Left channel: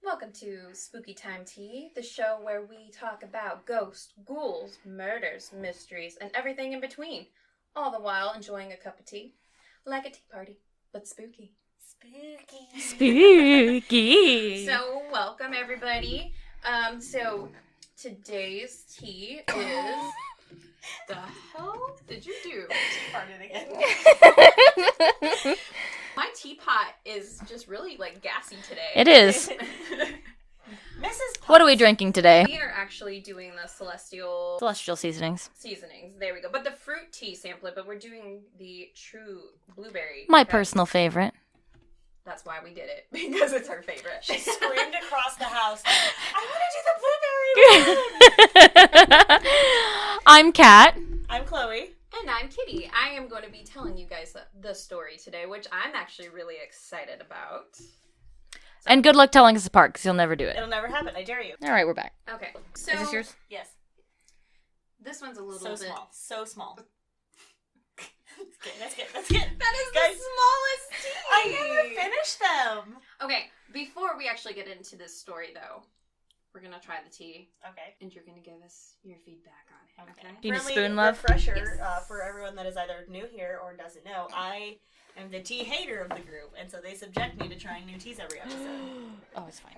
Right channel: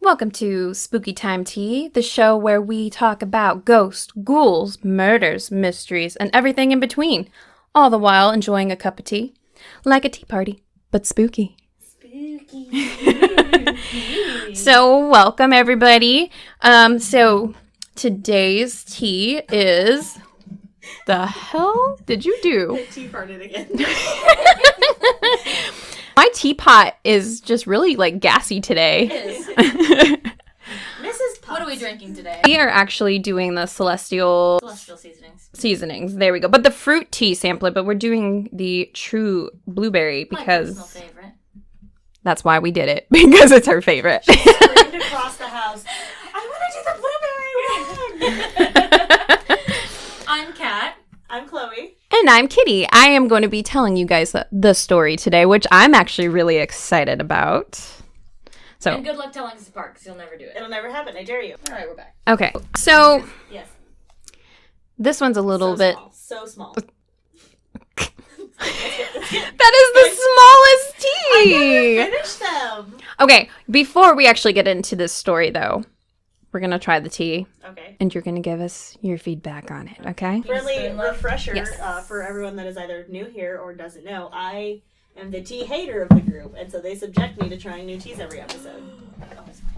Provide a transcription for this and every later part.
Welcome to Spooky Time Tea, the show where we talk about ghosts, ghouls, murders, mysteries, and everything in between, all the while enjoying a cup of tea. Like a tea party, but spooky. Spooky. So, welcome everybody. So today's tea is... The hell did you do? Tea farted again. My teapot is just really, gassy today. It is. Mrs. Potts. What are we drinking today? We are actually doing the celestial Seasonings. seasonings. There we go. But the fruit tea sampler, but we're doing the true blueberry. My personal favorite. That's why we did it, because it's her favorite. Screamed across the house. I want to do the blueberry one. I'm Kat. I'm Chloe. And I'm Kitty. I am going to be telling you guys the story today, which I'm actually really excited about. So, And good luck telling us apart, because you'll never do it. It'll never happen. I dare you. All right, we're back. okay. So Yes. this one's a little bit... So small. That is the smallest tea! I never finished them. Okay, before we actually get into this story, though, we're going to try the tea, Okay. and you're going to give us your feedback on it, okay? Need a Friendly spoon, love? refresher Yes. for everyone that is either new here or doesn't know. I am the tea hater of the group, and so they subject me to trying new teas every episode. Oh, it's fine.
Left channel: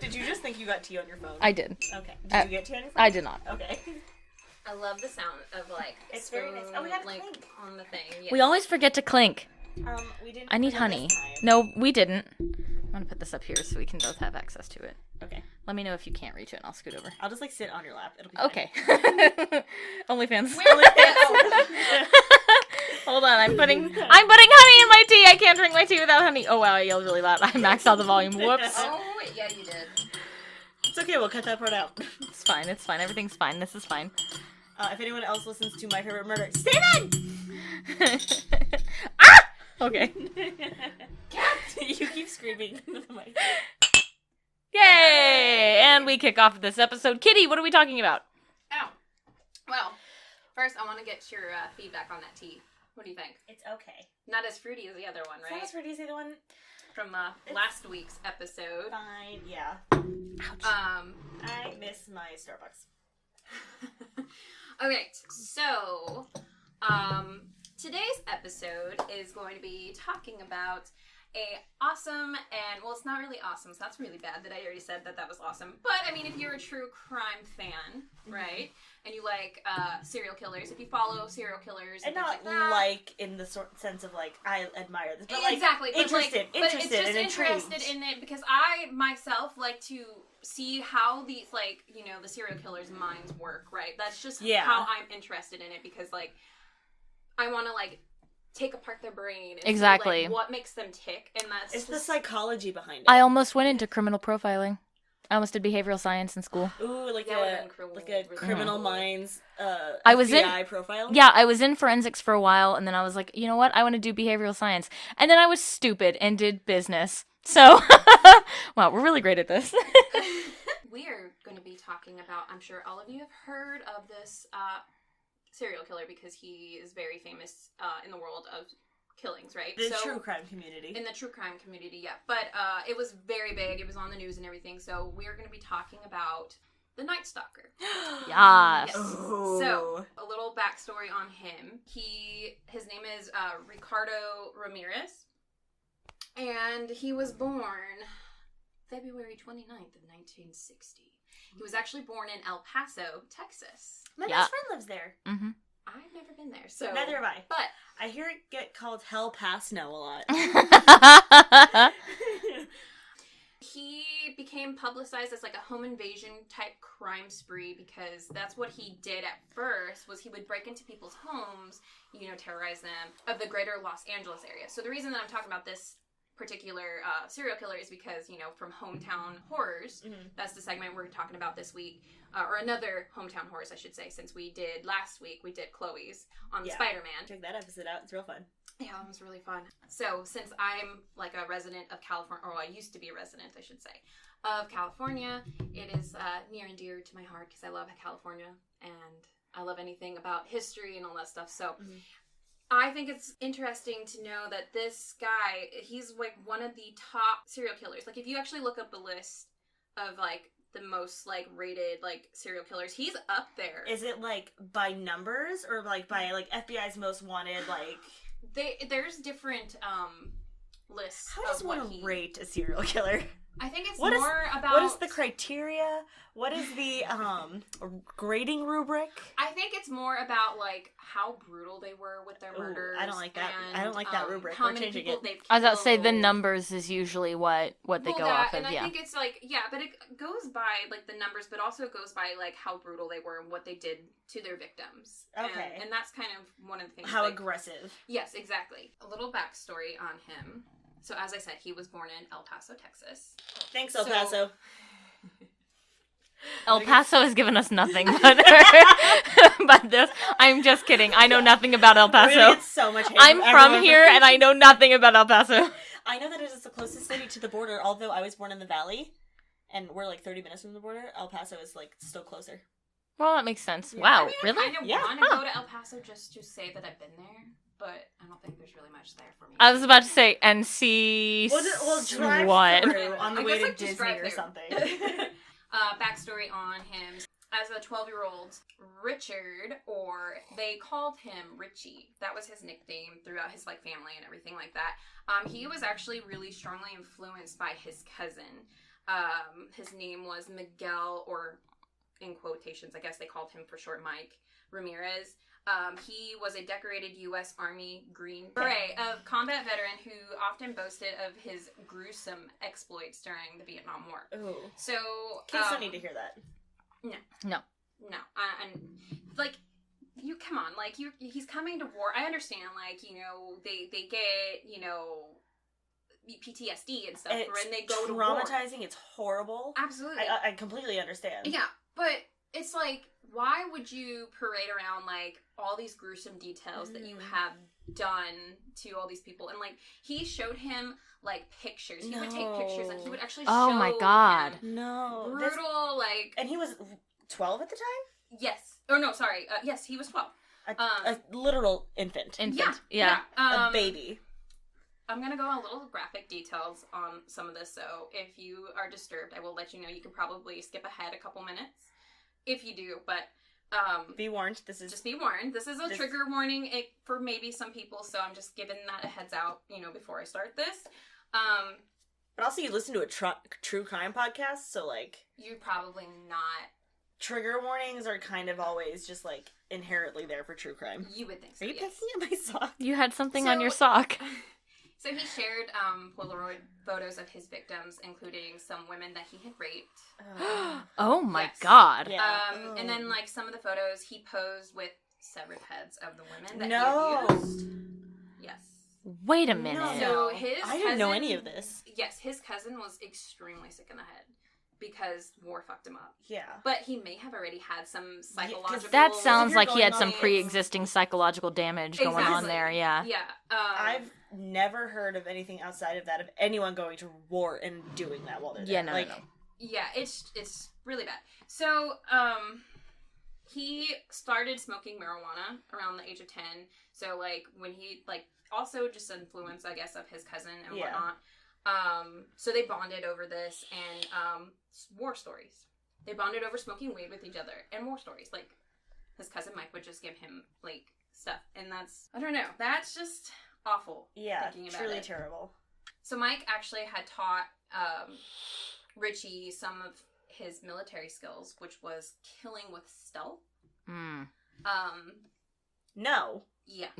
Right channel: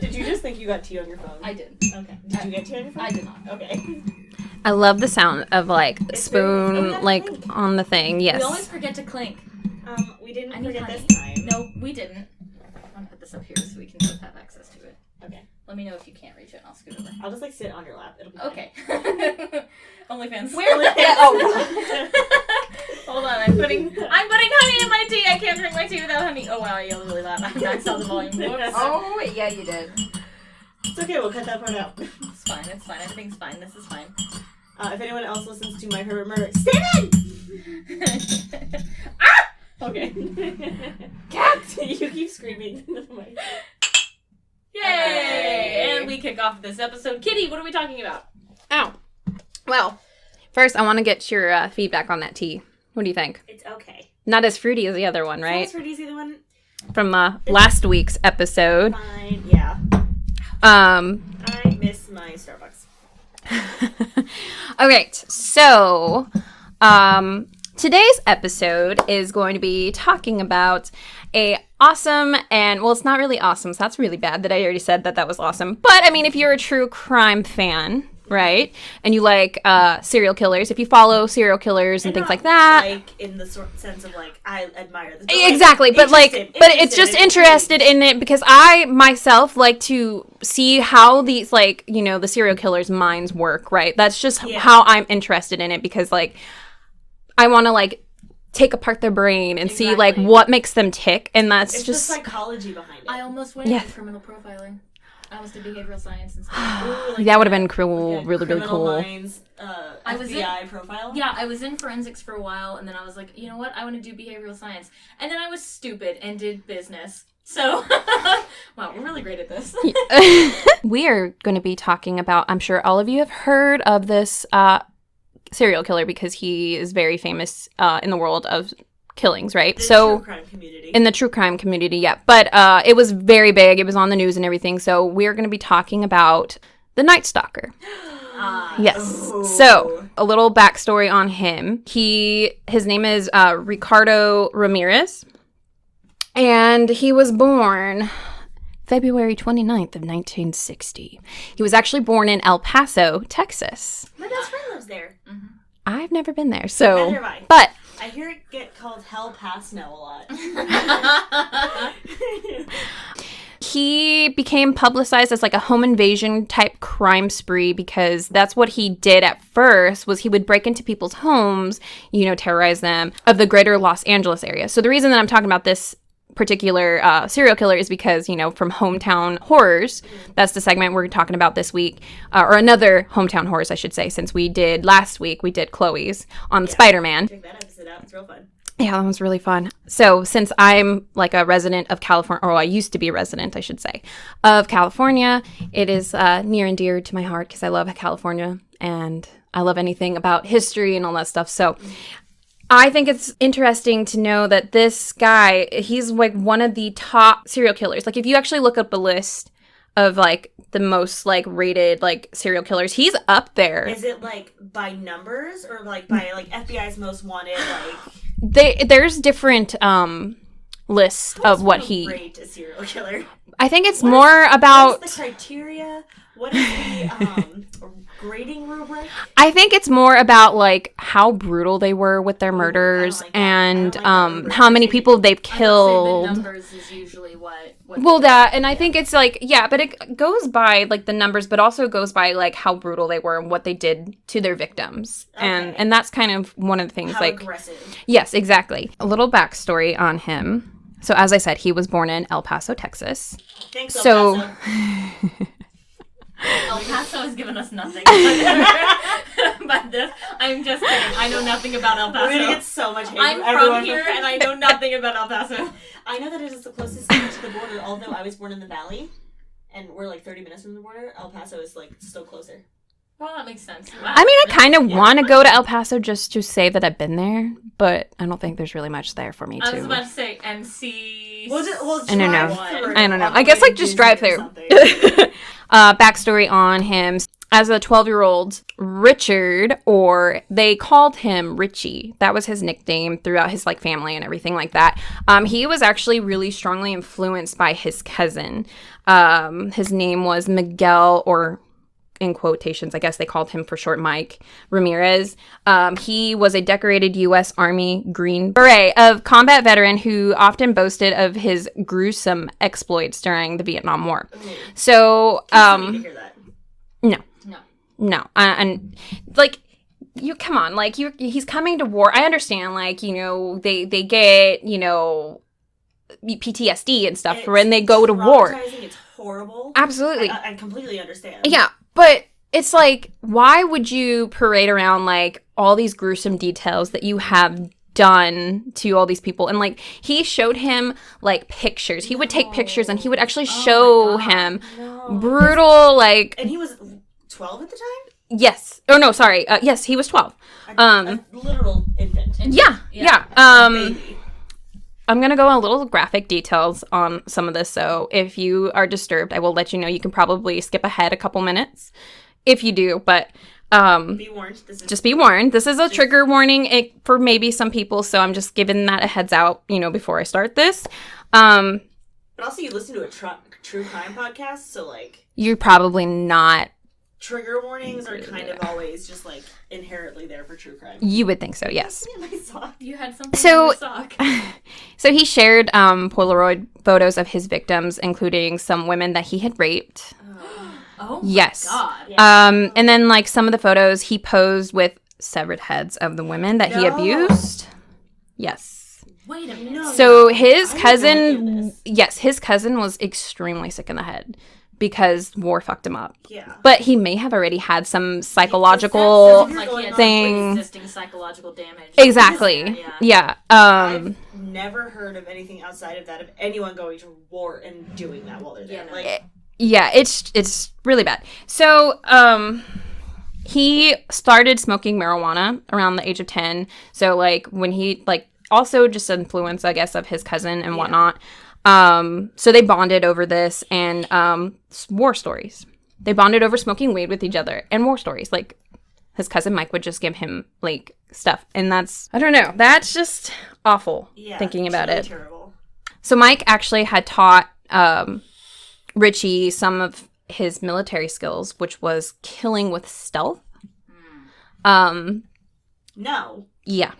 Did you just think you got tea on your phone? I did. Okay. Did you get tea on your phone? I did not. Okay. I love the sound of, It's spoon, very- oh, yeah, clink. on the thing. Yes. We always forget to clink. We didn't. I need forget honey. this time. No, we didn't. I'm going to put this up here so we can both have access to it. Okay. Let me know if you can't reach it and I'll scoot over. I'll just sit on your lap. It'll be fine. Okay. OnlyFans. Oh. Hold on, I'm putting honey in my tea. I can't drink my tea without honey. Oh wow, I yelled really loud. I maxed out the volume. Whoops. Oh, yeah, you did. It's okay. We'll cut that part out. It's fine. It's fine. Everything's fine. This is fine. If anyone else listens to My Favorite Murder, Steven! Ah! Okay. Cat! You keep screaming into the mic. Yay! And we kick off this episode. Kitty, what are we talking about? Ow. Well, first I want to get your feedback on that tea. What do you think? It's okay. Not as fruity as the other one, right? Sounds pretty. The one. From last week's episode. Fine. Yeah. I miss my Starbucks. Okay, so today's episode is going to be talking about a awesome and, well, it's not really awesome, so that's really bad that I already said that was awesome. But, I mean, if you're a true crime fan, right, and you like serial killers, if you follow serial killers and things like that. Like, in the sense of, I admire this. Exactly, but it's just interested in it because I myself like to see how these, the serial killers' minds work, right? That's just how I'm interested in it because, I want to, take apart their brain and see, what makes them tick, and that's it's just... the psychology behind it. I almost went into criminal profiling. I almost did behavioral science in school. Ooh, that would have been cool, really cool. Minds, I was FBI profile? Yeah, I was in forensics for a while, and then I was like, you know what? I want to do behavioral science. And then I was stupid and did business. So, wow, we're really great at this. We are going to be talking about, I'm sure all of you have heard of this serial killer because he is very famous in the world of killings, right? True crime community. In the true crime community, yeah. But it was very big. It was on the news and everything. So we're going to be talking about the Night Stalker. Yes. Ooh. So a little backstory on him. His name is Ricardo Ramirez. And he was born February 29th of 1960. He was actually born in El Paso, Texas. My best friend lives there. Mm-hmm. I've never been there, so... Neither have I. But... I hear it get called Hell Pass now a lot. He became publicized as a home invasion type crime spree because that's what he did at first was he would break into people's homes, terrorize them of the greater Los Angeles area. So the reason that I'm talking about this particular serial killer is because, from Hometown Horrors, that's the segment we're talking about this week, or another Hometown Horrors, I should say, since last week we did Chloe's on Spider-Man. Check that episode out. It's real fun. Yeah, that was really fun. So since I'm a resident of California, or I used to be a resident, I should say, of California, it is near and dear to my heart because I love California and I love anything about history and all that stuff. So I think it's interesting to know that this guy, he's like one of the top serial killers. Like if you actually look up a list of like the most like rated like serial killers, he's up there. Is it like by numbers or like by like FBI's most wanted? Like there's different lists of what he rate a serial killer. I think it's more about what is the criteria. What is the grading rubric? I think it's more about like how brutal they were with their murders and how many people they've killed. I would say the numbers is usually what well, that, and I think it's like, yeah, but it goes by like the numbers, but also goes by like how brutal they were and what they did to their victims. Okay. And that's kind of one of the things, how like aggressive. Yes, exactly. A little backstory on him. So as I said, he was born in El Paso, Texas. Thanks, El Paso. El Paso has given us nothing but this. I'm just kidding. I know nothing about El Paso. We're gonna get so much hate. I'm from here, and I know nothing about El Paso. I know that it is the closest state to the border, although I was born in the Valley, and we're like 30 minutes from the border. El Paso is like still closer. Well, that makes sense. Wow. I mean, I kind of want to go to El Paso just to say that I've been there, but I don't think there's really much there for me I was about to say, and see... I don't know. I don't know. I guess, like, just drive there. Backstory on him. As a 12-year-old, Richard, or they called him Richie. That was his nickname throughout his, like, family and everything like that. He was actually really strongly influenced by his cousin. His name was Miguel, or... in quotations, I guess they called him for short Mike Ramirez. He was a decorated U.S. Army Green Beret, a combat veteran who often boasted of his gruesome exploits during the Vietnam War. So, need to hear that. No. And like, you come on, like he's coming to war. I understand, like, you know, they get, you know, PTSD and stuff when they go to war. It's horrible. Absolutely. I completely understand. Yeah. But it's like, why would you parade around, like, all these gruesome details that you have done to all these people? And, like, he showed him, like, pictures. He would take pictures, and he would actually show him brutal, like... And he was 12 at the time? Yes. Oh, no, sorry. Yes, he was 12. A literal infant. Yeah. Baby. I'm going to go on little graphic details on some of this, so if you are disturbed, I will let you know. You can probably skip ahead a couple minutes if you do, but be warned. Just be warned. This is a trigger warning for maybe some people, so I'm just giving that a heads out, you know, before I start this. But also you listen to a true crime podcast, so, like... You're probably not... Trigger warnings are kind of always just, like, inherently there for true crime. You would think so, yes. My sock. You had something on your sock. So he shared Polaroid photos of his victims, including some women that he had raped. Oh my God. Yeah. And then, like, some of the photos he posed with severed heads of the women that he abused. Yes. Wait a minute. So his cousin, his cousin was extremely sick in the head because war fucked him up. Yeah. But he may have already had some psychological that sounds like he had some pre-existing psychological damage. Exactly. Yeah. I've never heard of anything outside of that, of anyone going to war and doing that while they're there. Yeah, it's really bad. So, he started smoking marijuana around the age of 10. So, like, when he, like, also just influence, I guess, of his cousin and whatnot. So they bonded over this and war stories. They bonded over smoking weed with each other and war stories. Like, his cousin Mike would just give him, like, stuff. And that's, I don't know, that's just awful thinking about it. Terrible. So Mike actually had taught Richie some of his military skills, which was killing with stealth. No. Yeah.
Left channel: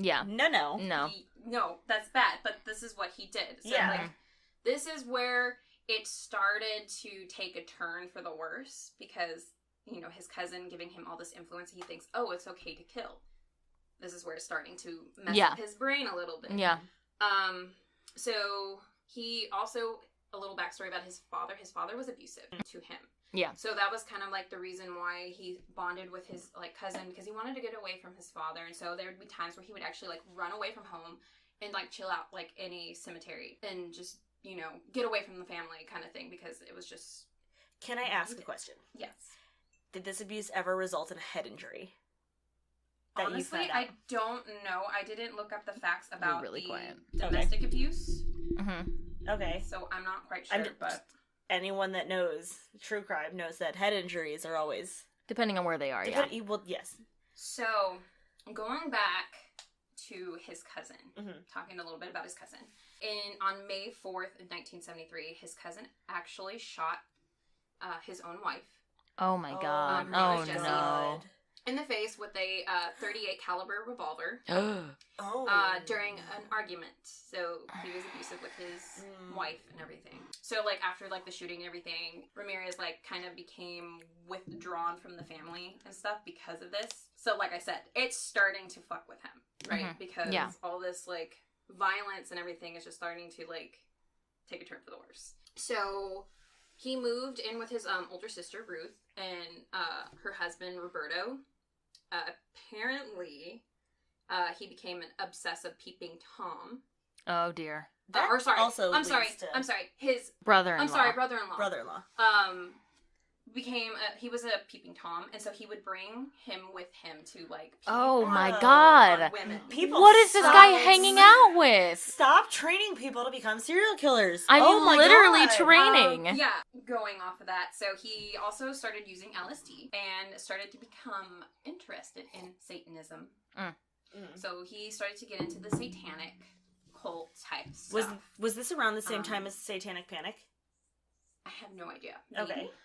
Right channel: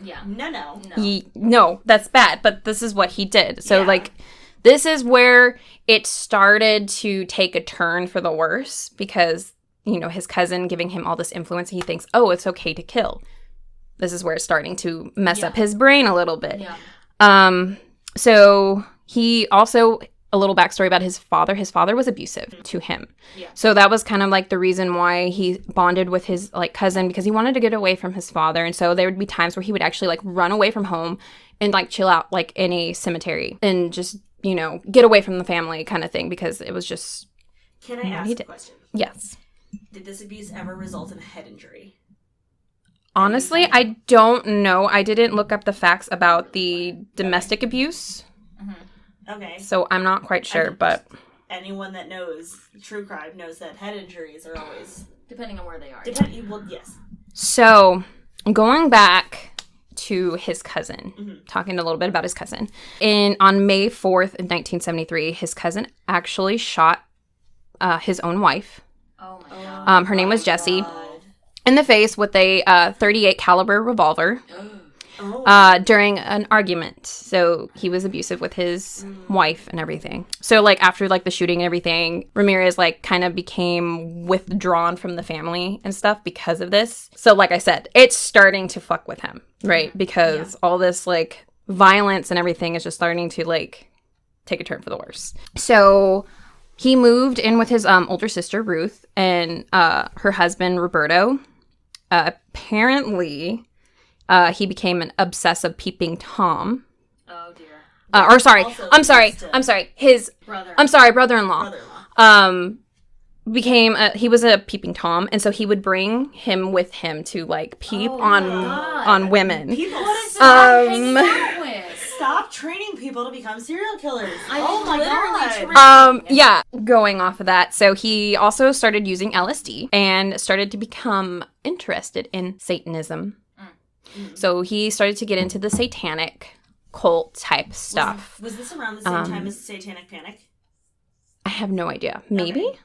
No, that's bad, but this is what he did. So, like, this is where it started to take a turn for the worse because, you know, his cousin giving him all this influence, he thinks, oh, it's okay to kill. This is where it's starting to mess up his brain a little bit. Yeah. So he also, a little backstory about his father. His father was abusive to him. Yeah. So that was kind of like the reason why he bonded with his, like, cousin, because he wanted to get away from his father. And so there would be times where he would actually, like, run away from home and, like, chill out, like, in a cemetery and just, you know, get away from the family kind of thing because it was just... Can I ask a question? Yes. Did this abuse ever result in a head injury? Honestly, I don't know. I didn't look up the facts about the domestic abuse, Okay. so I'm not quite sure, but... Anyone that knows true crime knows that head injuries are always... Depending on where they are, Well, yes. So, going back to his cousin, talking a little bit about his cousin. On May 4th, 1973, his cousin actually shot his own wife. Oh my god. Her name was Jessie. God. In the face with a .38 caliber revolver during an argument. So he was abusive with his wife and everything. So like after like the shooting and everything, Ramirez like kind of became withdrawn from the family and stuff because of this. So like I said, it's starting to fuck with him, right? Because all this like violence and everything is just starting to like take a turn for the worse. So he moved in with his older sister Ruth and her husband Roberto. Apparently, he became an obsessive peeping Tom. Oh dear. I'm sorry. His Brother. Brother-in-law. He was a peeping Tom, and so he would bring him with him to like peep on women. What is this guy hanging out with? Stop training people to become serial killers. I'm literally training. Yeah, going off of that. So he also started using LSD and started to become interested in Satanism. So he started to get into the satanic cult type stuff. Was this around the same time as Satanic Panic? I have no idea. Maybe? Okay.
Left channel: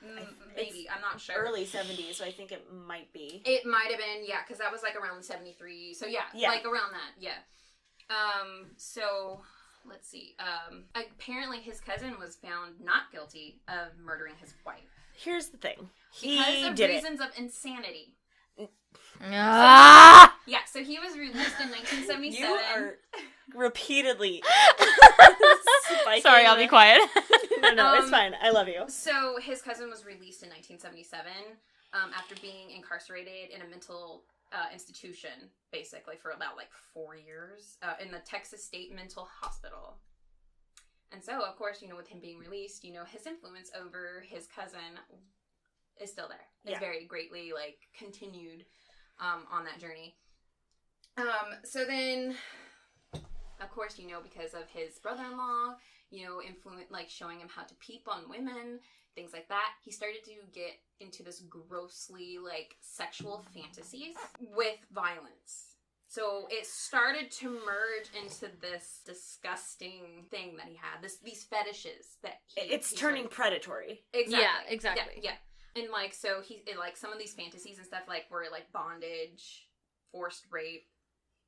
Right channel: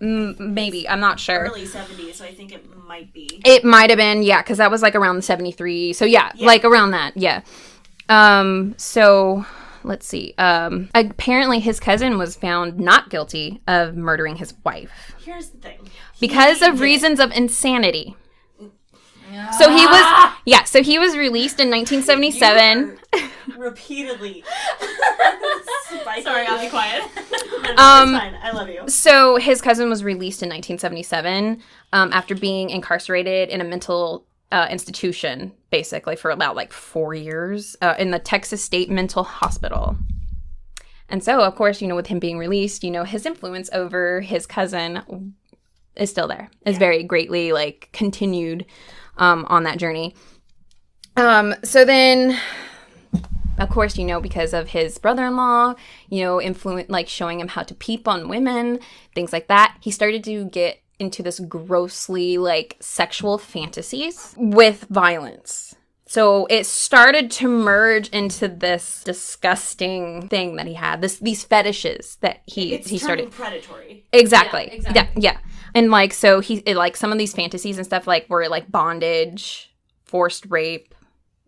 Maybe. I'm not sure. Early 70s, so I think it might be. It might have been, yeah, because that was like around the 73. So yeah, like around that, yeah. So let's see. Apparently his cousin was found not guilty of murdering his wife. Here's the thing. Because of reasons of insanity. So he was released in 1977. Repeatedly. Sorry, I'll be quiet. No, it's fine. I love you. So his cousin was released in 1977 after being incarcerated in a mental institution, basically, for about like 4 years in the Texas State Mental Hospital. And so, of course, with him being released, his influence over his cousin is still there. It's very greatly like continued on that journey. So then, of course, because of his brother-in-law, like showing him how to peep on women, things like that, he started to get into this grossly like sexual fantasies with violence. So it started to merge into this disgusting thing that he had, these fetishes that he started predatory. Exactly. Yeah, exactly. Yeah. And like so like some of these fantasies and stuff like were like bondage, forced rape,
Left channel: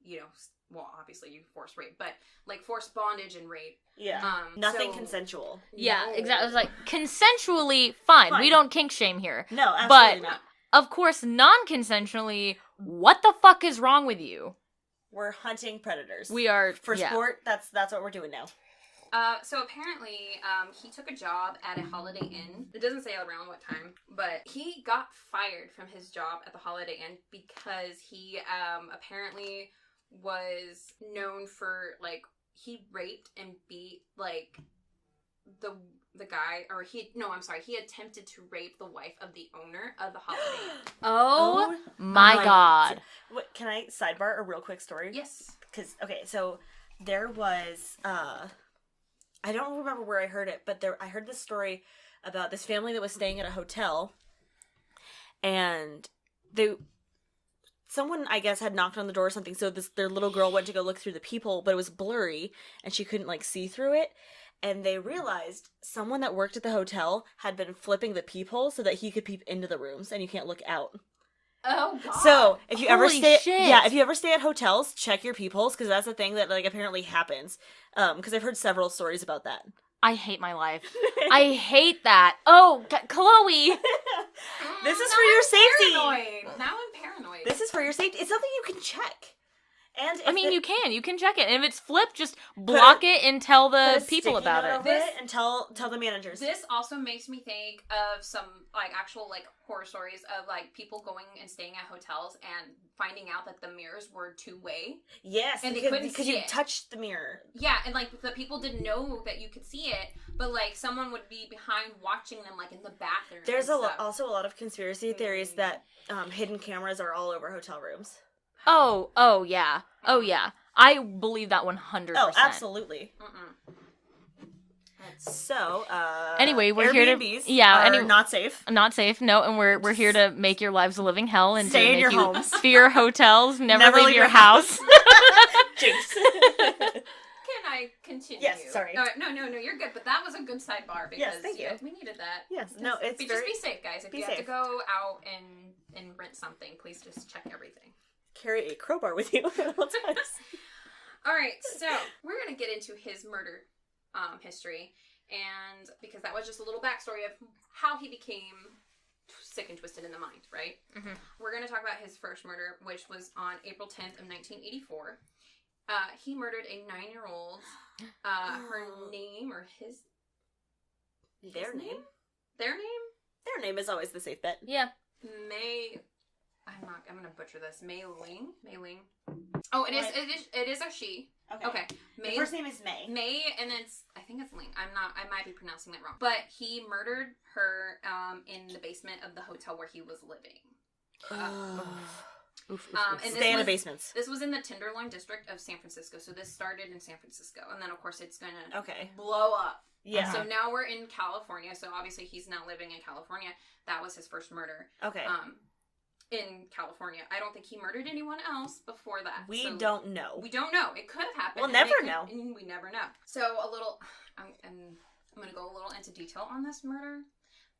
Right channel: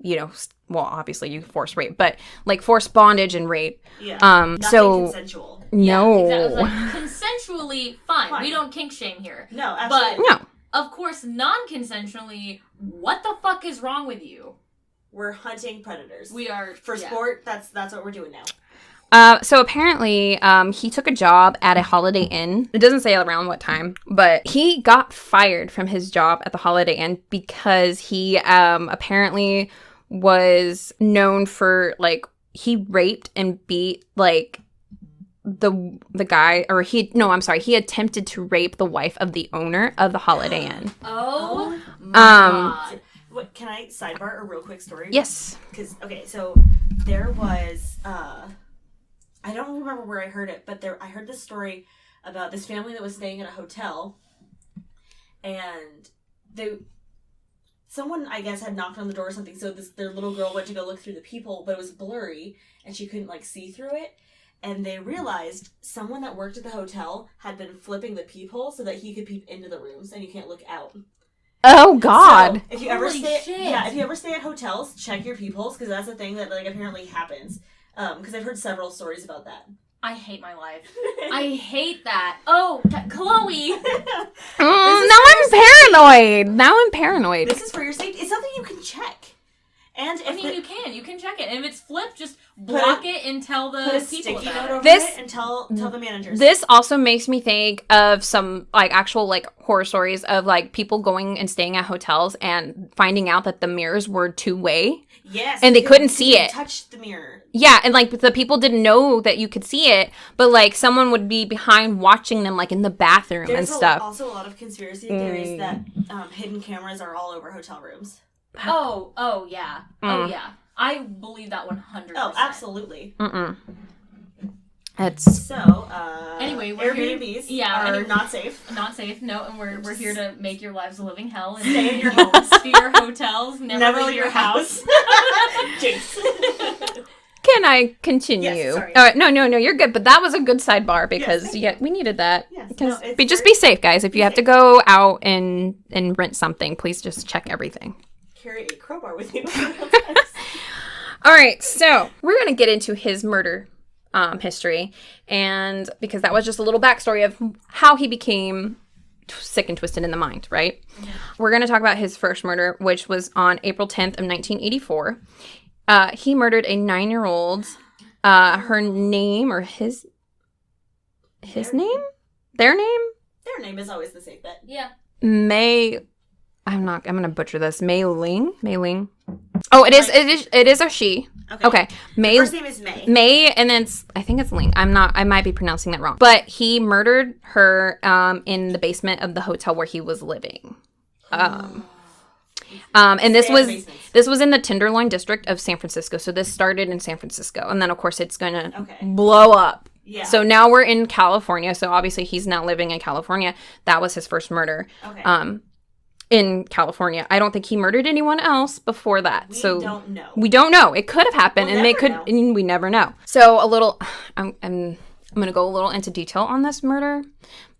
well, obviously you forced rape, but like forced bondage and rape. Yeah. Nothing consensual. No. Yeah, exactly. It was like consensually fine. We don't kink shame here. No, absolutely. No. Of course, non-consensually, what the fuck is wrong with you? We're hunting predators. We are for sport. That's what we're doing now. So apparently, he took a job at a Holiday Inn. It doesn't say around what time, but he got fired from his job at the Holiday Inn because he apparently was known for like he raped and beat like the guy, or he attempted to rape the wife of the owner of the Holiday Inn. Oh my god. What, can I sidebar a real quick story? Yes. Because, okay, so there was, I don't remember where I heard it, but I heard this story about this family that was staying at a hotel, and someone, I guess, had knocked on the door or something, so their little girl went to go look through the peephole, but it was blurry, and she couldn't, like, see through it, and they realized someone that worked at the hotel had been flipping the peephole so that he could peep into the rooms, and you can't look out. Oh God! So, if you ever stay, shit. if you ever stay at hotels, check your peepholes, because that's a thing that like apparently happens. Because I've heard several stories about that. I hate my life. I hate that. Oh, Chloe. Now I'm paranoid. This is for your safety. It's something you can check. And you can check it, and if it's flipped, just block it and tell the people about it. And tell the managers. This also makes me think of some like actual like horror stories of like people going and staying at hotels and finding out that the mirrors were two-way. Yes, and they couldn't see it. Touch the mirror. Yeah, and like the people didn't know that you could see it, but like someone would be behind watching them like in the bathroom and stuff. There's also a lot of conspiracy theories that hidden camoras are all over hotel rooms. Oh yeah. Oh yeah. I believe that 100%. Oh, absolutely. It's so. Anyway, we're here to are not safe. Not safe. No, and we're here to make your lives a living hell and stay in your homes. Fear hotels. Never leave your house. Jinx. Can I continue? Yes, sorry. No, you're good. But that was a good sidebar because we needed that. Yes, just be safe, guys. If you have to go out and rent something, please just check everything. Carry a crowbar with you. All right, so we're gonna get into his murder history, and because that was just a little backstory of how he became sick and twisted in the mind, right? Mm-hmm. We're going to talk about his first murder, which was on April 10th of 1984. He murdered a 9-year-old. Her name or his name? Their name? Their name is always the safe bet. Yeah. I'm going to butcher this. Mei Ling. Oh, it is a she. Okay. Mei. Her first name is May. May, and then I think it's Ling. I might be pronouncing that wrong. But he murdered her in the basement of the hotel where he was living. And this was in the Tenderloin district of San Francisco. So this started in San Francisco, and then of course it's going to blow up. Yeah. So now we're in California. So obviously he's now living in California. That was his first murder. Okay. In California. I don't think he murdered anyone else before that. We don't know. It could have happened, and we never know. So I'm going to go a little into detail on this murder,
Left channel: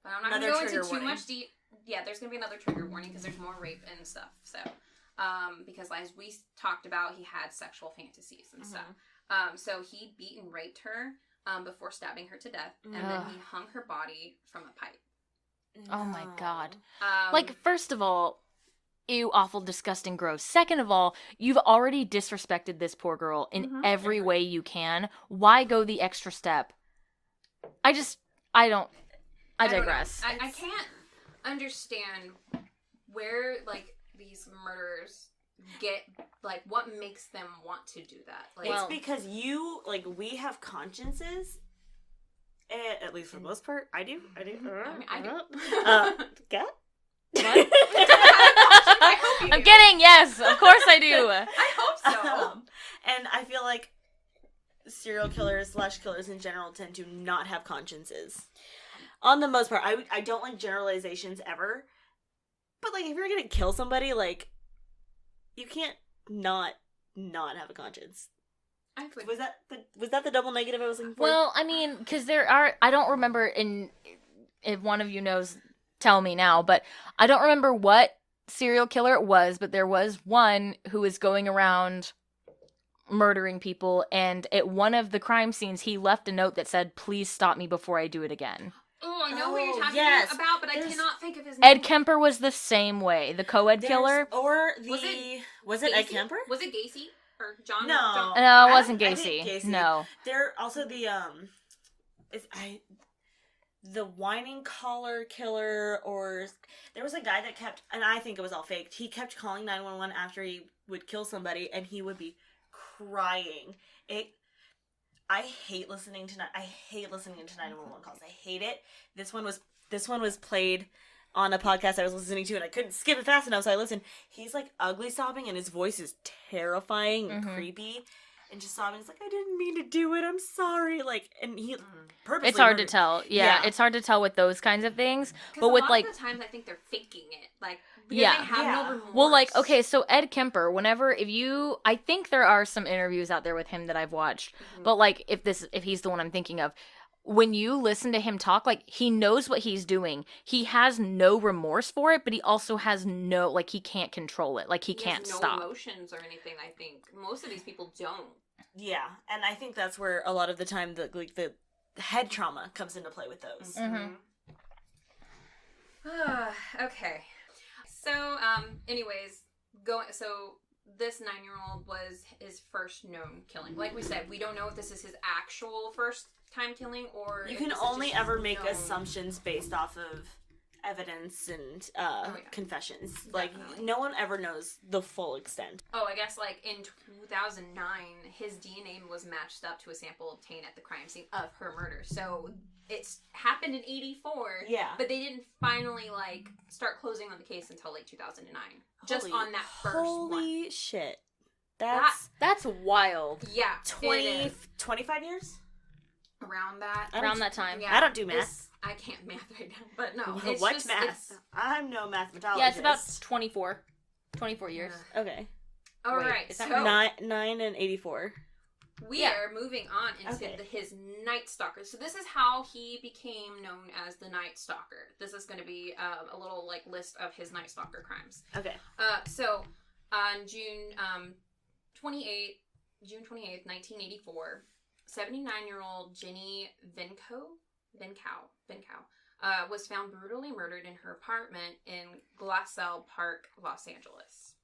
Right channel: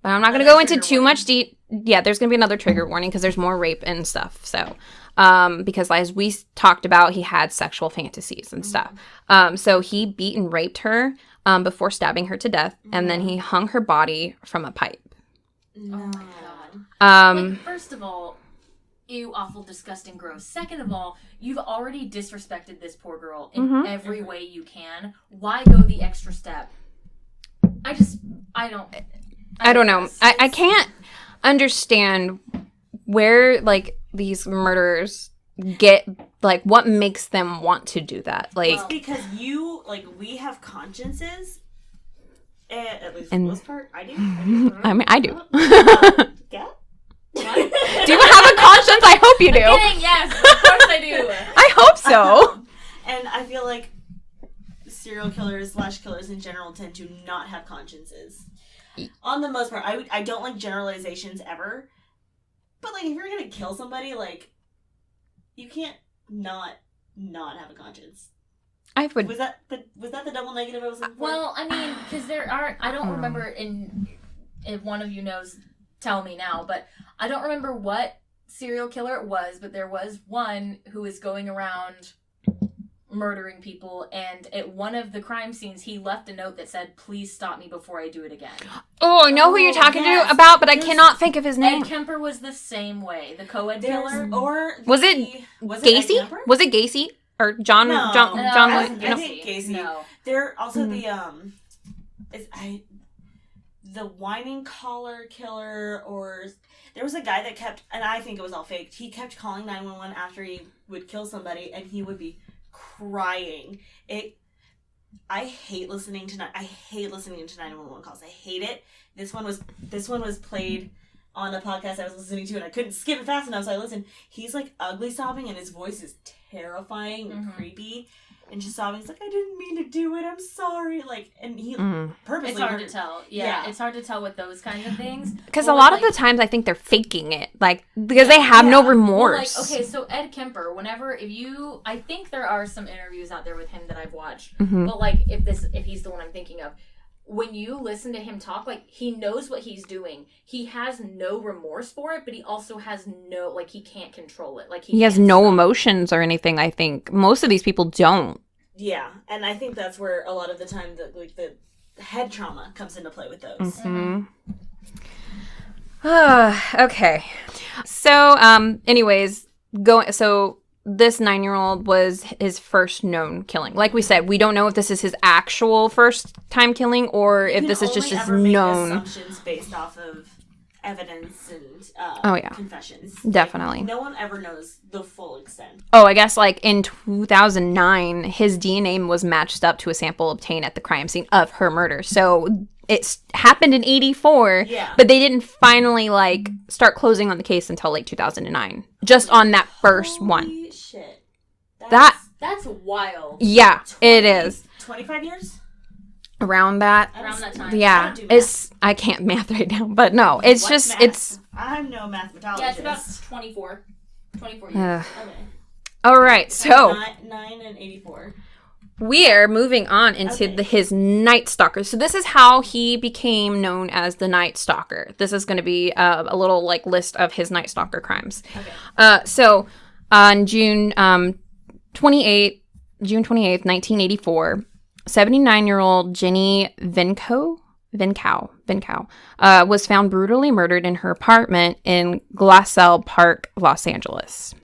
but I'm not going to go into too much Yeah, there's going to be another trigger warning because there's more rape and stuff. So, because as we talked about, he had sexual fantasies and stuff. So he beat and raped her before stabbing her to death, and then he hung her body from a pipe. Oh my God. First of all, ew, awful, disgusting, gross. Second of all, you've already disrespected this poor girl in every way you can. Why go the extra step? I don't know. I can't understand where, like, these murderers get, like, what makes them want to do that. Like, it's because we have consciences. At least for the most part, I do. I do. Yeah? What? Do you have a conscience? I hope you do. I'm kidding, yes. Of course I do. I hope so. And I feel like serial killers / killers in general tend to not have consciences. On the most part. I don't like generalizations ever. But, like, if you're going to kill somebody, like, you can't not have a conscience. Was that the double negative I was looking for? Well, I mean, because there are... I don't remember if one of you knows... Tell me now, but I don't remember what serial killer it was, but there was one who was going around murdering people, and at one of the crime scenes, he left a note that said, "Please stop me before I do it again." Oh, I know who you're talking about, but I cannot think of his name. Ed Kemper was the same way. The co-ed killer. Was it Gacy? Was it Gacy? Or John? No, John wasn't Gacy. No. They're also the whining collar killer, or there was a guy that kept, and I think it was all fake, he kept calling 911 after he would kill somebody, and he would be crying. I hate listening to 911 calls. I hate it. This one was played on a podcast I was listening to, and I couldn't skip it fast enough, so I listened. He's like ugly sobbing, and his voice is terrifying and creepy. And just sobbing, it's like, I didn't mean to do it, I'm sorry. Like, and he purposely... It's hard to tell. Yeah, it's hard to tell with those kinds of things. Because a lot of the times, I think they're faking it. Like, because they have no remorse. Well, like, okay, so Ed Kemper, I think there are some interviews out there with him that I've watched. Mm-hmm. But, like, if he's the one I'm thinking of, when you listen to him talk, like, he knows what he's doing. He has no remorse for it, but he also has he can't control it. Like, he has no emotions or anything, I think. Most of these people don't. Yeah, and I think that's where a lot of the time the head trauma comes into play with those. Mm-hmm. Okay. So, anyways, this 9-year-old was his first known killing. Like we said, we don't know if this is his actual first time killing or if this is just his known. Assumptions based off of evidence and confessions. Definitely. Like, no one ever knows the full extent. Oh, I guess like in 2009, his DNA was matched up to a sample obtained at the crime scene of her murder. So it happened in 84, but they didn't finally like start closing on the case until like 2009. Just on that first one. Holy shit. That's wild. Yeah, it is. 25 years? Around that time. Yeah, I don't do math. I can't math right now, but no, it's What's just math? I'm no mathematologist. Yeah, it's about 24 years. Okay. All right, so 9 and 84. we are moving on into his Night Stalker. So this is how he became known as the Night Stalker. This is going to be a little like list of his Night Stalker crimes. Okay. So on June 28th, 1984, 79-year-old Jenny Vincow was found brutally murdered in her apartment in Glassell Park, Los Angeles.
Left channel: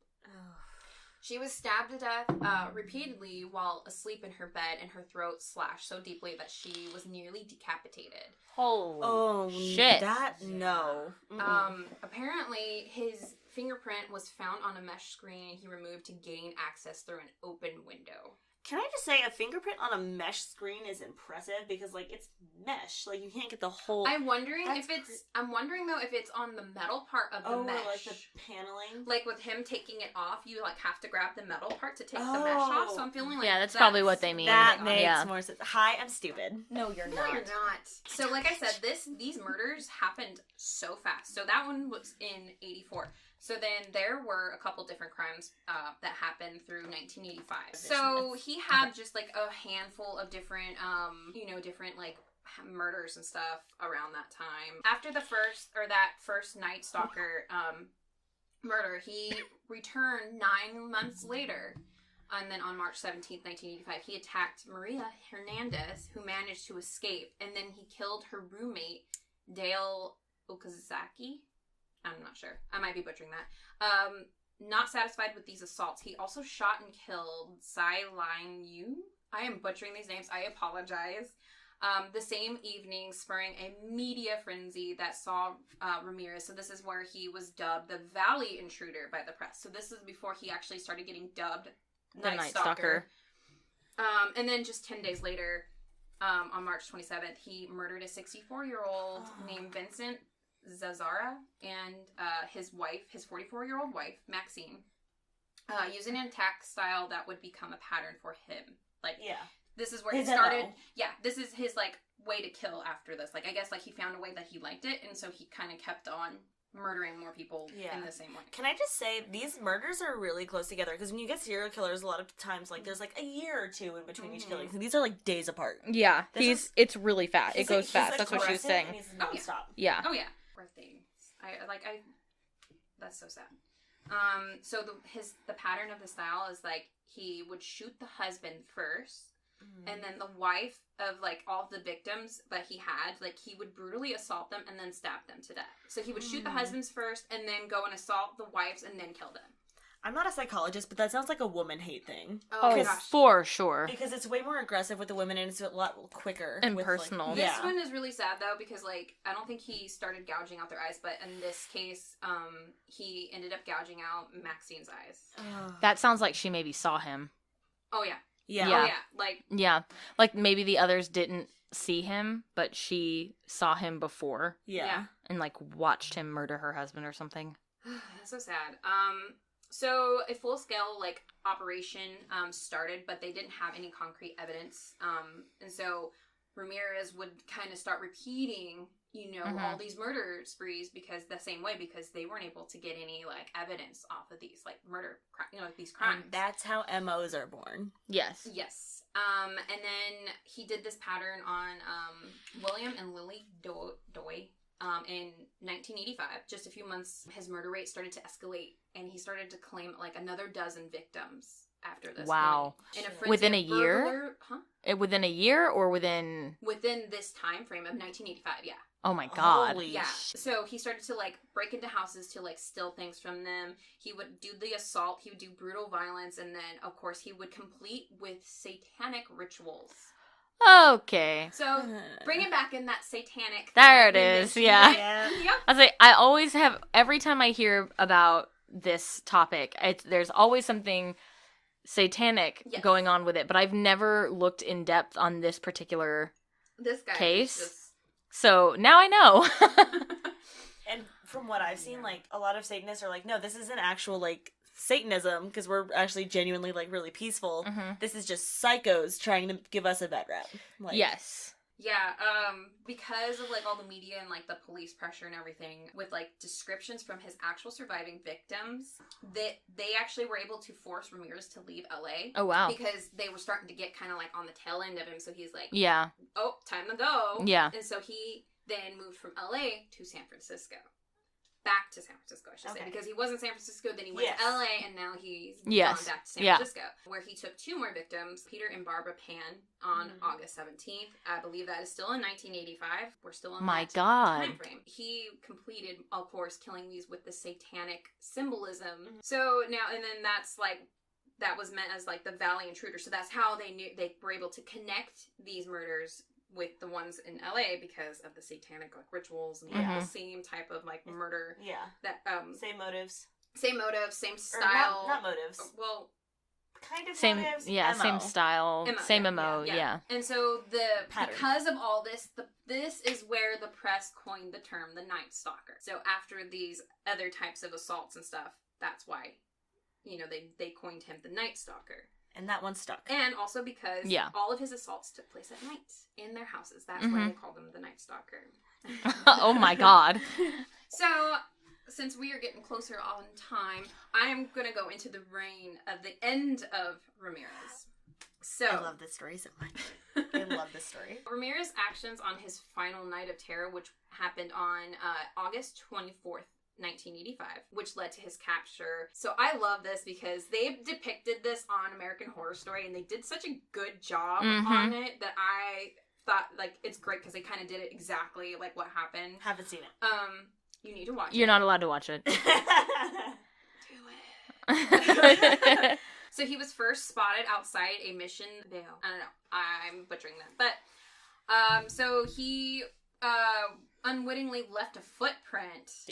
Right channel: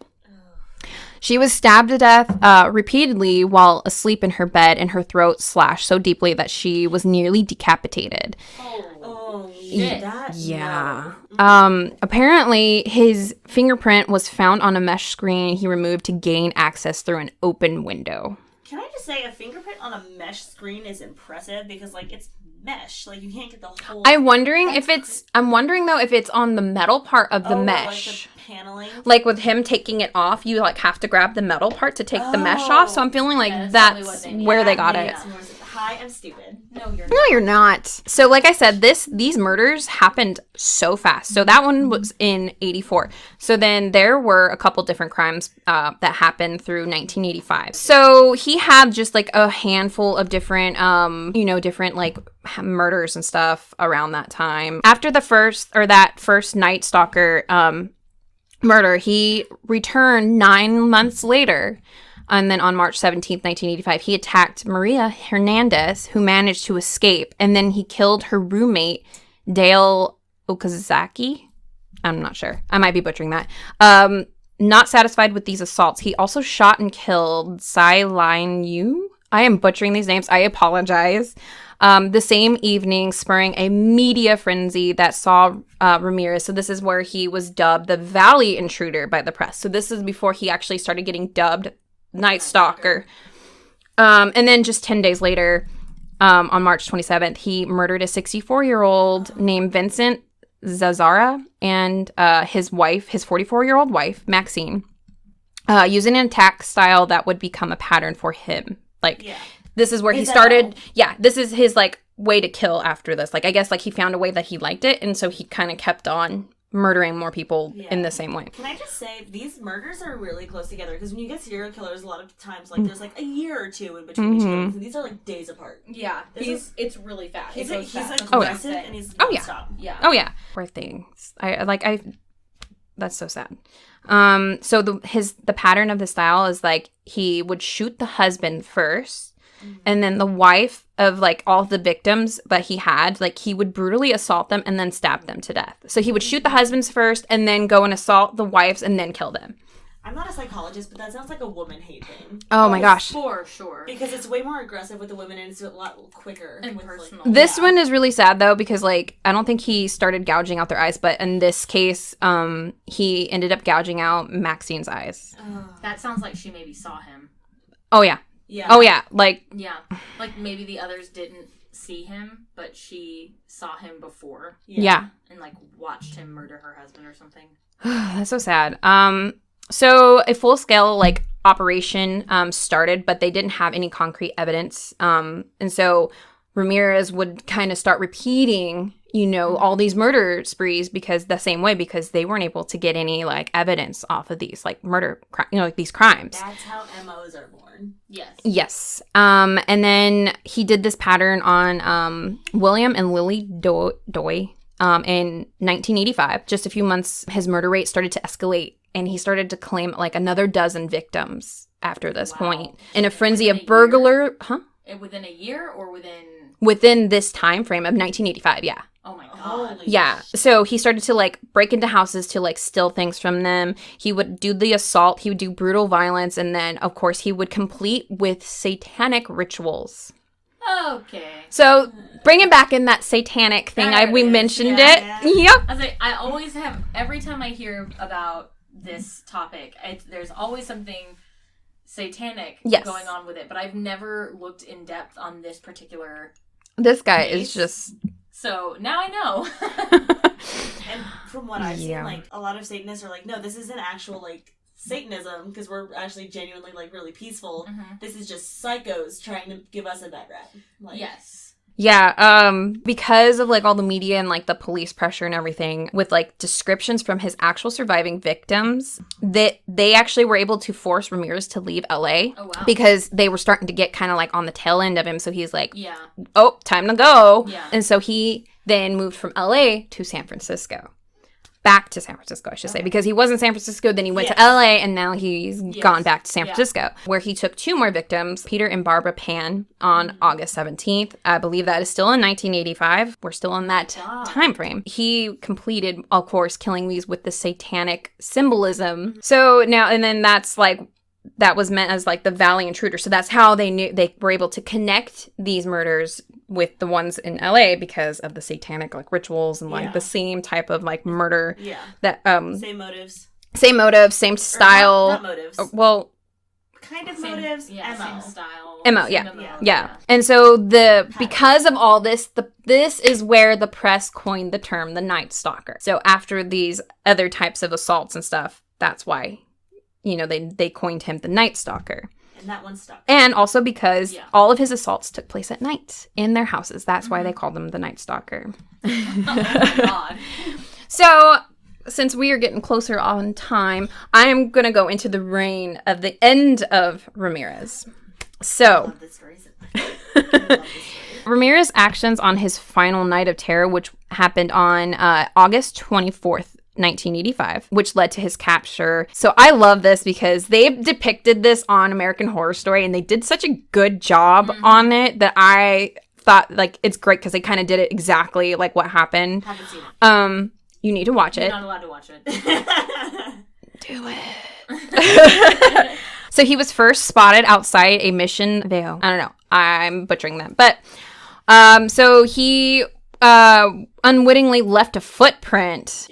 She was stabbed to death repeatedly while asleep in her bed, and her throat slashed so deeply that she was nearly decapitated. Oh shit. Yeah. No. Apparently, his fingerprint was found on a mesh screen he removed to gain access through an open window. Can I just say a fingerprint on a mesh screen is impressive because like it's mesh, like you can't get the whole. I'm wondering though if it's on the metal part of the mesh. Like the paneling. Like with him taking it off, you like have to grab the metal part to take the mesh off. So I'm feeling like that's that's probably what they mean. where they got it. Hi, I'm stupid. No, you're not. No, you're not. So like I said, these murders happened so fast. So that one was in 84. So then there were a couple different crimes that happened through 1985. So he had just like a handful of different, different like murders and stuff around that time. After that first Night Stalker murder, he returned 9 months later. And then on March 17th, 1985, he attacked Maria Hernandez, who managed to escape. And then he killed her roommate, Dale Okazaki. I'm not sure. I might be butchering that. Not satisfied with these assaults, he also shot and killed Tsai Lin Yu. I am butchering these names. I apologize. The same evening, spurring a media frenzy that saw Ramirez. So this is where he was dubbed the Valley Intruder by the press. So this is before he actually started getting dubbed Night Stalker. And then just 10 days later, on March 27th, he murdered a 64-year-old named Vincent Zazzara and his wife, his 44-year-old wife, Maxine, using an attack style that would become a pattern for him. This is where he started. Yeah, this is his like way to kill after this. Like I guess like he found a way that he liked it, and so he kind of kept on murdering more people in the same way. Can I just say these murders are really close together because when you get serial killers, a lot of times like there's like a year or two in between each killings, and these are like days apart. Yeah, it's really fast. It goes fast. Like, that's what I'm aggressive saying. and he's Oh, yeah. nonstop. Yeah. Oh yeah, poor things. I that's so sad. So the pattern of the style is like he would shoot the husband first. And then the wife of like all the victims that he had, like he would brutally assault them and then stab them to death. So he would shoot the husbands first and then go and assault the wives and then kill them. I'm not a psychologist, but that sounds like a woman hate thing. Oh my gosh. For sure. Because it's way more aggressive with the women and it's a lot quicker. And with, personal. Like, This one is really sad though because like I don't think he started gouging out their eyes, but in this case, he ended up gouging out Maxine's eyes. That sounds like she maybe saw him. Oh yeah. Yeah. Oh yeah. Like Maybe the others didn't see him, but she saw him before. Yeah. And like watched him murder her husband or something. That's so sad. So a full-scale like operation started, but they didn't have any concrete evidence. And so Ramirez would kind of start repeating, all these murder sprees because they weren't able to get any like evidence off of these like murder, like these crimes. That's how MOs are born. Yes. Yes. And then he did this pattern on William and Lily Doy in 1985. Just a few months, his murder rate started to escalate, and he started to claim like another dozen victims after this point. In a frenzy of burglar, Within a year or within within this time frame of 1985, yeah. Oh my God. Holy Yeah. So he started to like break into houses to like steal things from them. He would do the assault. He would do brutal violence. And then, of course, he would complete with satanic rituals. Okay. So bringing back in that satanic thing, There it we is, mentioned yeah. it. Yep. I was like, I always have, every time I hear about this topic, there's always something satanic Yes. going on with it, but I've never looked in depth on this particular This guy case. is just... So now I know. And from what I've Yeah. seen, like, a lot of Satanists are like, no, this isn't actual, like, Satanism, because we're actually genuinely, like, really peaceful. Mhm. This is just psychos trying to give us a bad rap. Like, Yes. Yeah, because of like all the media and like the police pressure and everything, with like descriptions from his actual surviving victims, that they actually were able to force Ramirez to leave LA. Oh, wow. Because they were starting to get kind of like on the tail end of him. So he's like, Yeah. oh, time to go. Yeah. And so he then moved from LA to San Francisco. Back to San Francisco, I should say, because he was in San Francisco, then he went to LA, and now he's gone back to San Francisco, where he took 2 more victims, Peter and Barbara Pan, on August 17th. I believe that is still in 1985. We're still in that time frame. He completed, of course, killing these with the satanic symbolism. So now, and then that's like, that was meant as like the Valley Intruder. So that's how they knew they were able to connect these murders with the ones in LA because of the satanic like rituals and like the same type of like murder. Yeah. That Same motives. same motive, same style. Not motives. Well, kind of Same, motives. yeah, MO. same style. MO, same yeah. MO, Yeah. And so because of all this, this is where the press coined the term the Night Stalker. So after these other types of assaults and stuff, that's why, you know, they coined him the Night Stalker. And that one stuck. And also because all of his assaults took place at night in their houses. That's why they called him the Night Stalker. Oh my God. So, since we are getting closer on time, I am going to go into the reign of the end of Ramirez. I So, love this story so much. I love this story. Ramirez's actions on his final night of terror, which happened on August 24th, 1985, which led to his capture. So I love this because they depicted this on American Horror Story and they did such a good job on it that I thought like it's great because they kind of did it exactly like what happened. Haven't seen it. You need to watch You're it. not allowed to watch it. Do it. So he was first spotted outside a Mission Vale. I don't know. I'm butchering that. But so he unwittingly left a footprint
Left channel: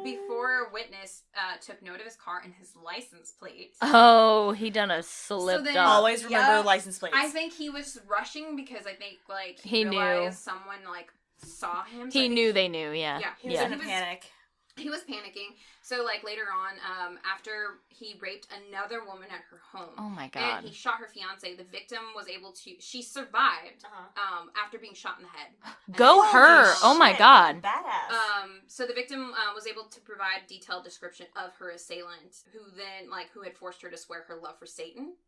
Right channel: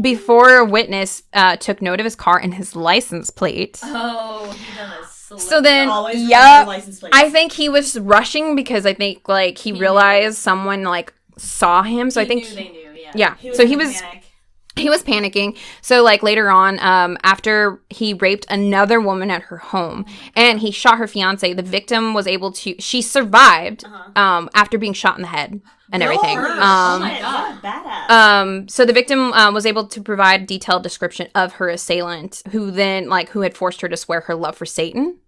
before a witness took note of his car and his license plate. Oh, he done a slip. So then, Always remember license plates. I think he was rushing because I think like he realized someone like saw him. So I think they knew, yeah. Yeah. He So was he in a was panic. he was panicking. So like later on, after he raped another woman at her home and he shot her fiance, the victim was able to she survived after being shot in the head and everything. her. Oh my God. Badass. So the victim was able to provide a detailed description of her assailant, who had forced her to swear her love for Satan.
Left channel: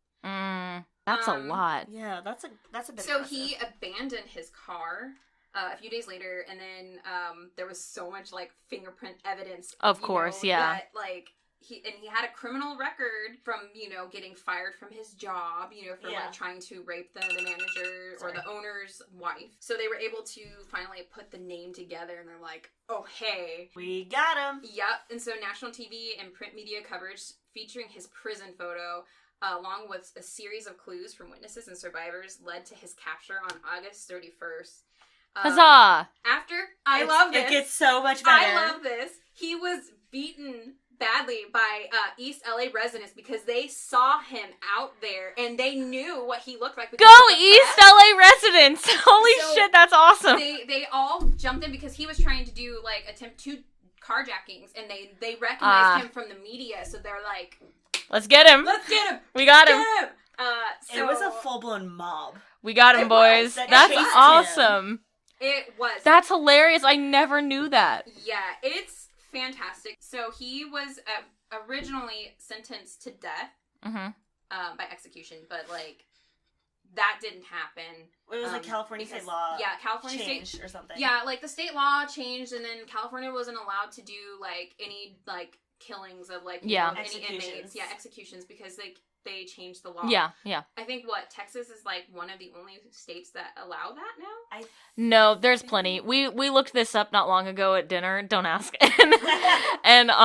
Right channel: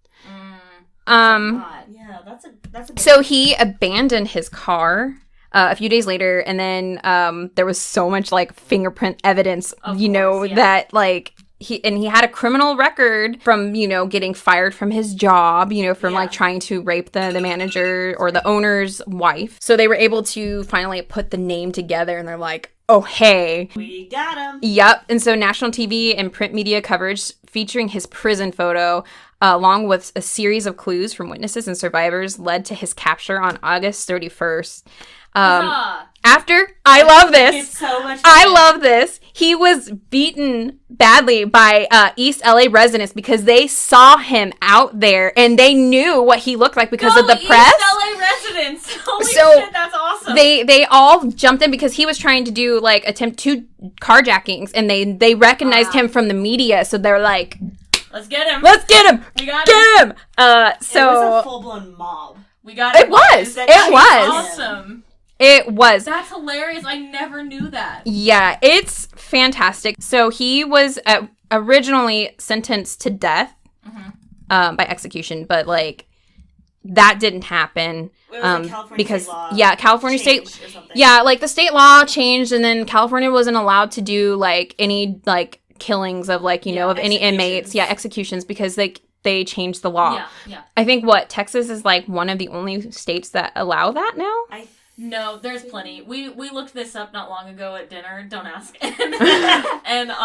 That's a lot. Yeah, that's a big So he abandoned his car a few days later, and then there was so much like fingerprint evidence, Of course, yeah. that like he had a criminal record from getting fired from his job, from like trying to rape the manager or the owner's wife. So they were able to finally put the name together, and they're like, oh hey, We got him. yep. And so national TV and print media coverage featuring his prison photo, along with a series of clues from witnesses and survivors, led to his capture on August 31st. Huzzah! After, I love It's this. so much fun. I love this. He was beaten badly by East LA residents because they saw him out there and they knew what he looked like because Go of the East press. LA residents! Holy So, shit, that's awesome! They all jumped in because he was trying to do like attempt 2 carjackings, and they recognized him from the media, so they're like, Let's get him! let's get him. We got him! Get him. It was a full-blown mob. We got him, It was. boys. It That's was. awesome. It was. That's hilarious. I never knew that. Yeah, it's fantastic. So he was originally sentenced to death by execution, but like that didn't happen. It was like California because state law California state, changed or something. yeah, like the state law changed, and then California wasn't allowed to do like any like killings of like of any inmates, executions, because they changed the law. Yeah. I think Texas is like one of the only states that allow that now. I No, there's plenty. We looked this up not long ago at dinner. Don't ask. And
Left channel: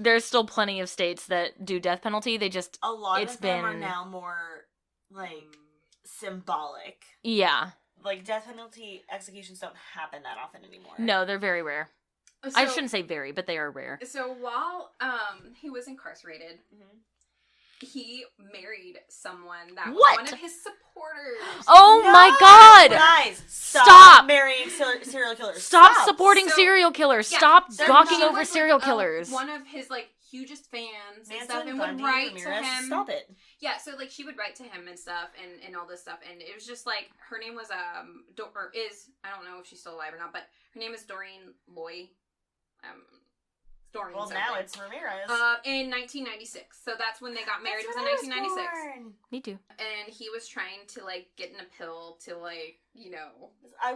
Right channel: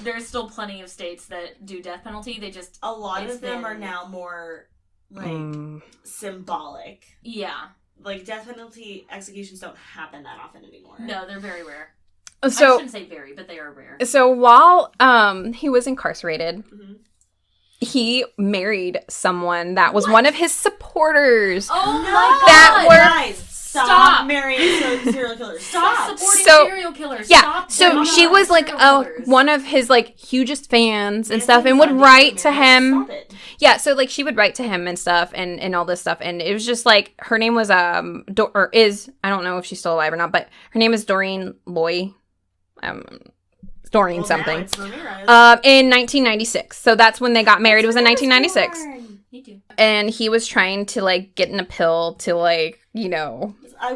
there's still plenty of states that do death penalty. They just a lot of them are now more like symbolic. Yeah. Like death penalty executions don't happen that often anymore. No, they're very rare. So, I shouldn't say very, but they are rare. So while he was incarcerated, he married someone that was one of his supporters. Oh my God! Guys, stop marrying serial killers. Stop supporting serial killers. Yeah. Stop. So she was like one of his like hugest fans and stuff, and would write to him. Stop it. Yeah. So like she would write to him and stuff, and all this stuff, and it was just like her name was I don't know if she's still alive or not, but her name is Doreen Loy. Doreen something. In 1996. So that's when they got married. It was in 1996. Me too. And he was trying to like get in a pill to like, you know, I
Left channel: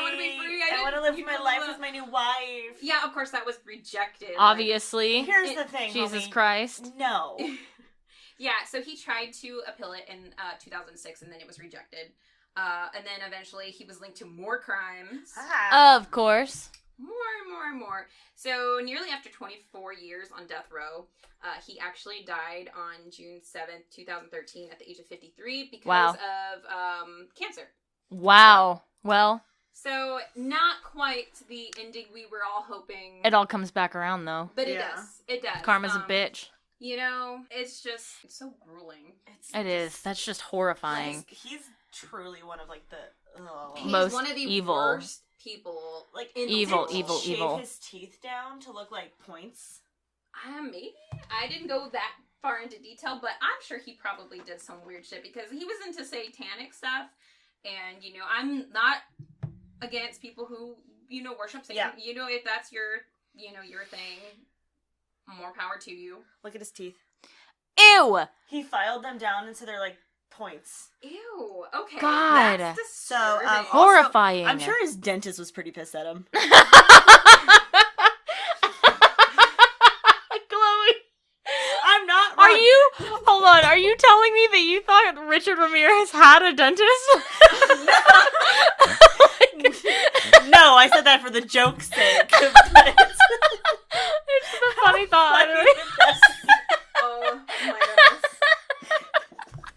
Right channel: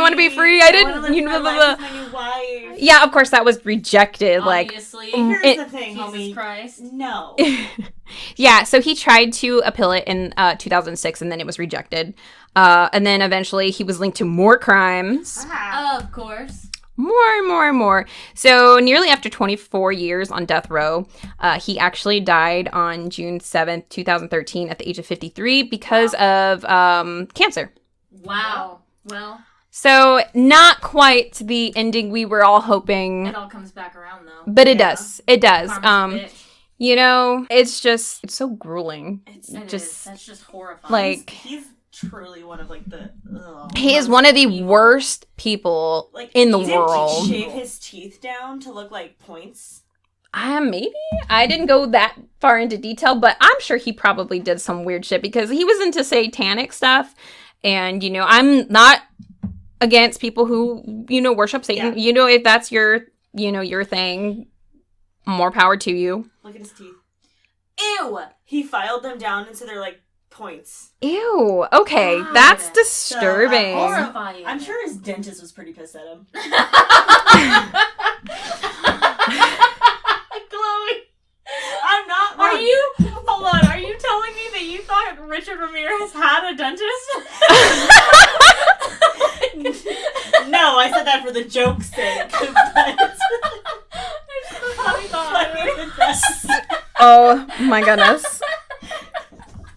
want to be free. I didn't, live my life with my new wife. Yeah, of course that was rejected. Obviously. Here's the thing, Jesus homie. Christ. No. Yeah, so he tried to appeal it in 2006 and then it was rejected. And then eventually he was linked to more crimes. Of course. More. So nearly after 24 years on death row, he actually died on June 7th, 2013 at the age of 53 because of cancer. Wow. Well. So not quite the ending we were all hoping. It all comes back around though. But it does. It does. Karma's a bitch. You know, it's so grueling. It is. That's just horrifying. Like he's truly one of like the he is one of the worst people in the world. Did he shave his teeth down to look like points? Maybe. I didn't go that far into detail, but I'm sure he probably did some weird shit because he was into satanic stuff. And, you know, I'm not against people who, you know, worship Satan. Yeah. You know, if that's your thing, more power to you. Look at his teeth. Ew! He filed them down and so they're like points. Ew. Okay, God. That's disturbing. So, horrifying. I'm sure his dentist was pretty pissed at him. I'm not. Are you telling me that you thought Richard Ramirez had a dentist? No, I said that for the joke's sake. It's just a funny thought. Oh my goodness.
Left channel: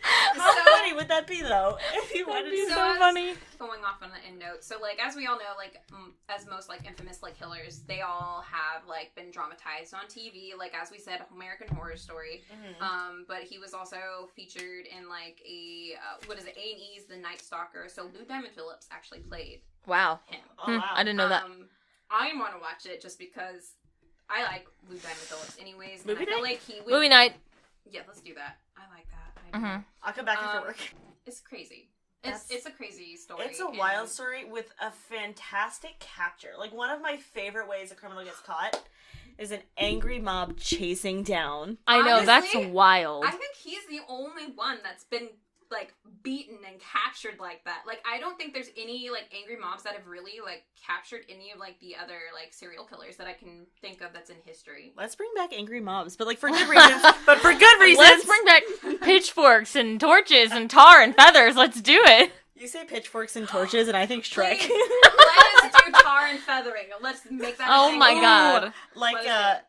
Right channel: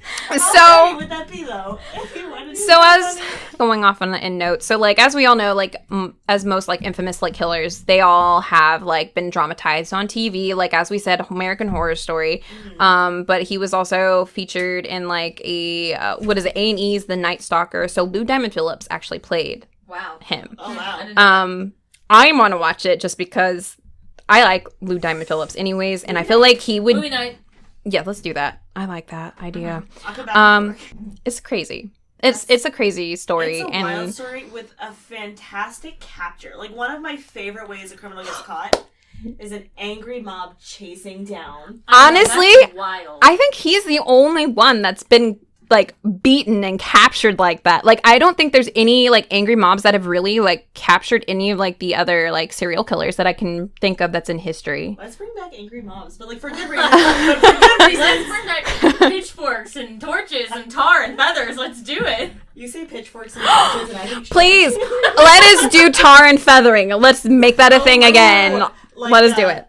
How funny would that be though? If you wanted to so as going off on a note, so like as we all know, like as most like infamous like killers, they all have like been dramatized on TV. Like as we said, American Horror Story. But he was also featured in like A&E's The Night Stalker. So Lou Diamond Phillips actually played him. Oh wow! I didn't know that. I want to watch it just because I like Lou Diamond Phillips, anyways, and I feel like he would. Movie night. Yeah, let's do that. I like that idea. I'll come back to work. It's crazy. It's a crazy story. It's a wild story with a fantastic capture. Like one of my favorite ways a criminal gets caught is an angry mob chasing down. Honestly, that's wild. I think he's the only one that's been like beaten and captured like that. Like I don't think there's any like angry mobs that have really like captured any of like the other like serial killers that I can think of that's in history. Let's bring back angry mobs, but like for good reasons. But for good reasons. Let's bring back pitchforks and torches and tar and feathers. Let's do it. You say pitchforks and torches, and I think please let us do tar and feathering. Let's make that a thing again. Like let us do it.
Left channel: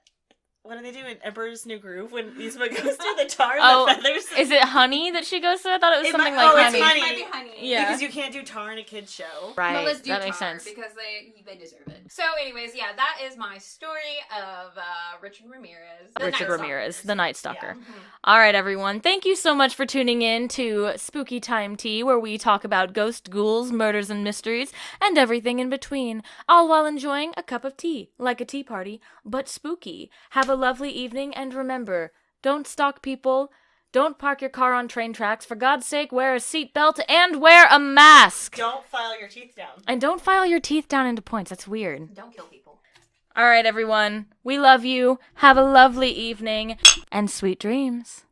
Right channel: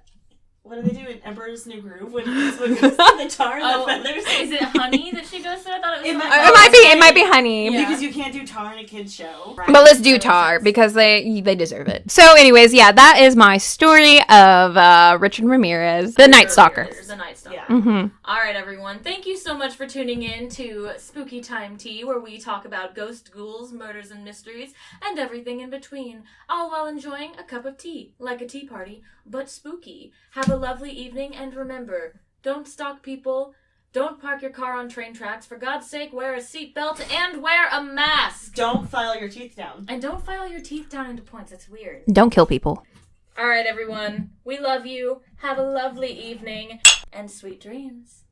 What do they do in Emperor's New Groove when Yzma goes to the tar and the feathers? Is it honey that she goes to? I thought it was something it might be honey. Yeah. Because you can't do tar in a kid's show. Right. But let's do tar because they deserve it. So anyways, yeah, that is my story of Richard Ramirez, the Night Stalker. The Night Stalker. Yeah. Mm-hmm. All right, everyone. Thank you so much for tuning in to Spooky Time Tea, where we talk about ghosts, ghouls, murders, and mysteries, and everything in between, all while enjoying a cup of tea, like a tea party, but spooky. Have a lovely evening, and remember, don't stalk people, don't park your car on train tracks, for God's sake, wear a seatbelt and wear a mask! Don't file your teeth down. And don't file your teeth down into points, that's weird. Don't kill people. All right, everyone, we love you, have a lovely evening, and sweet dreams.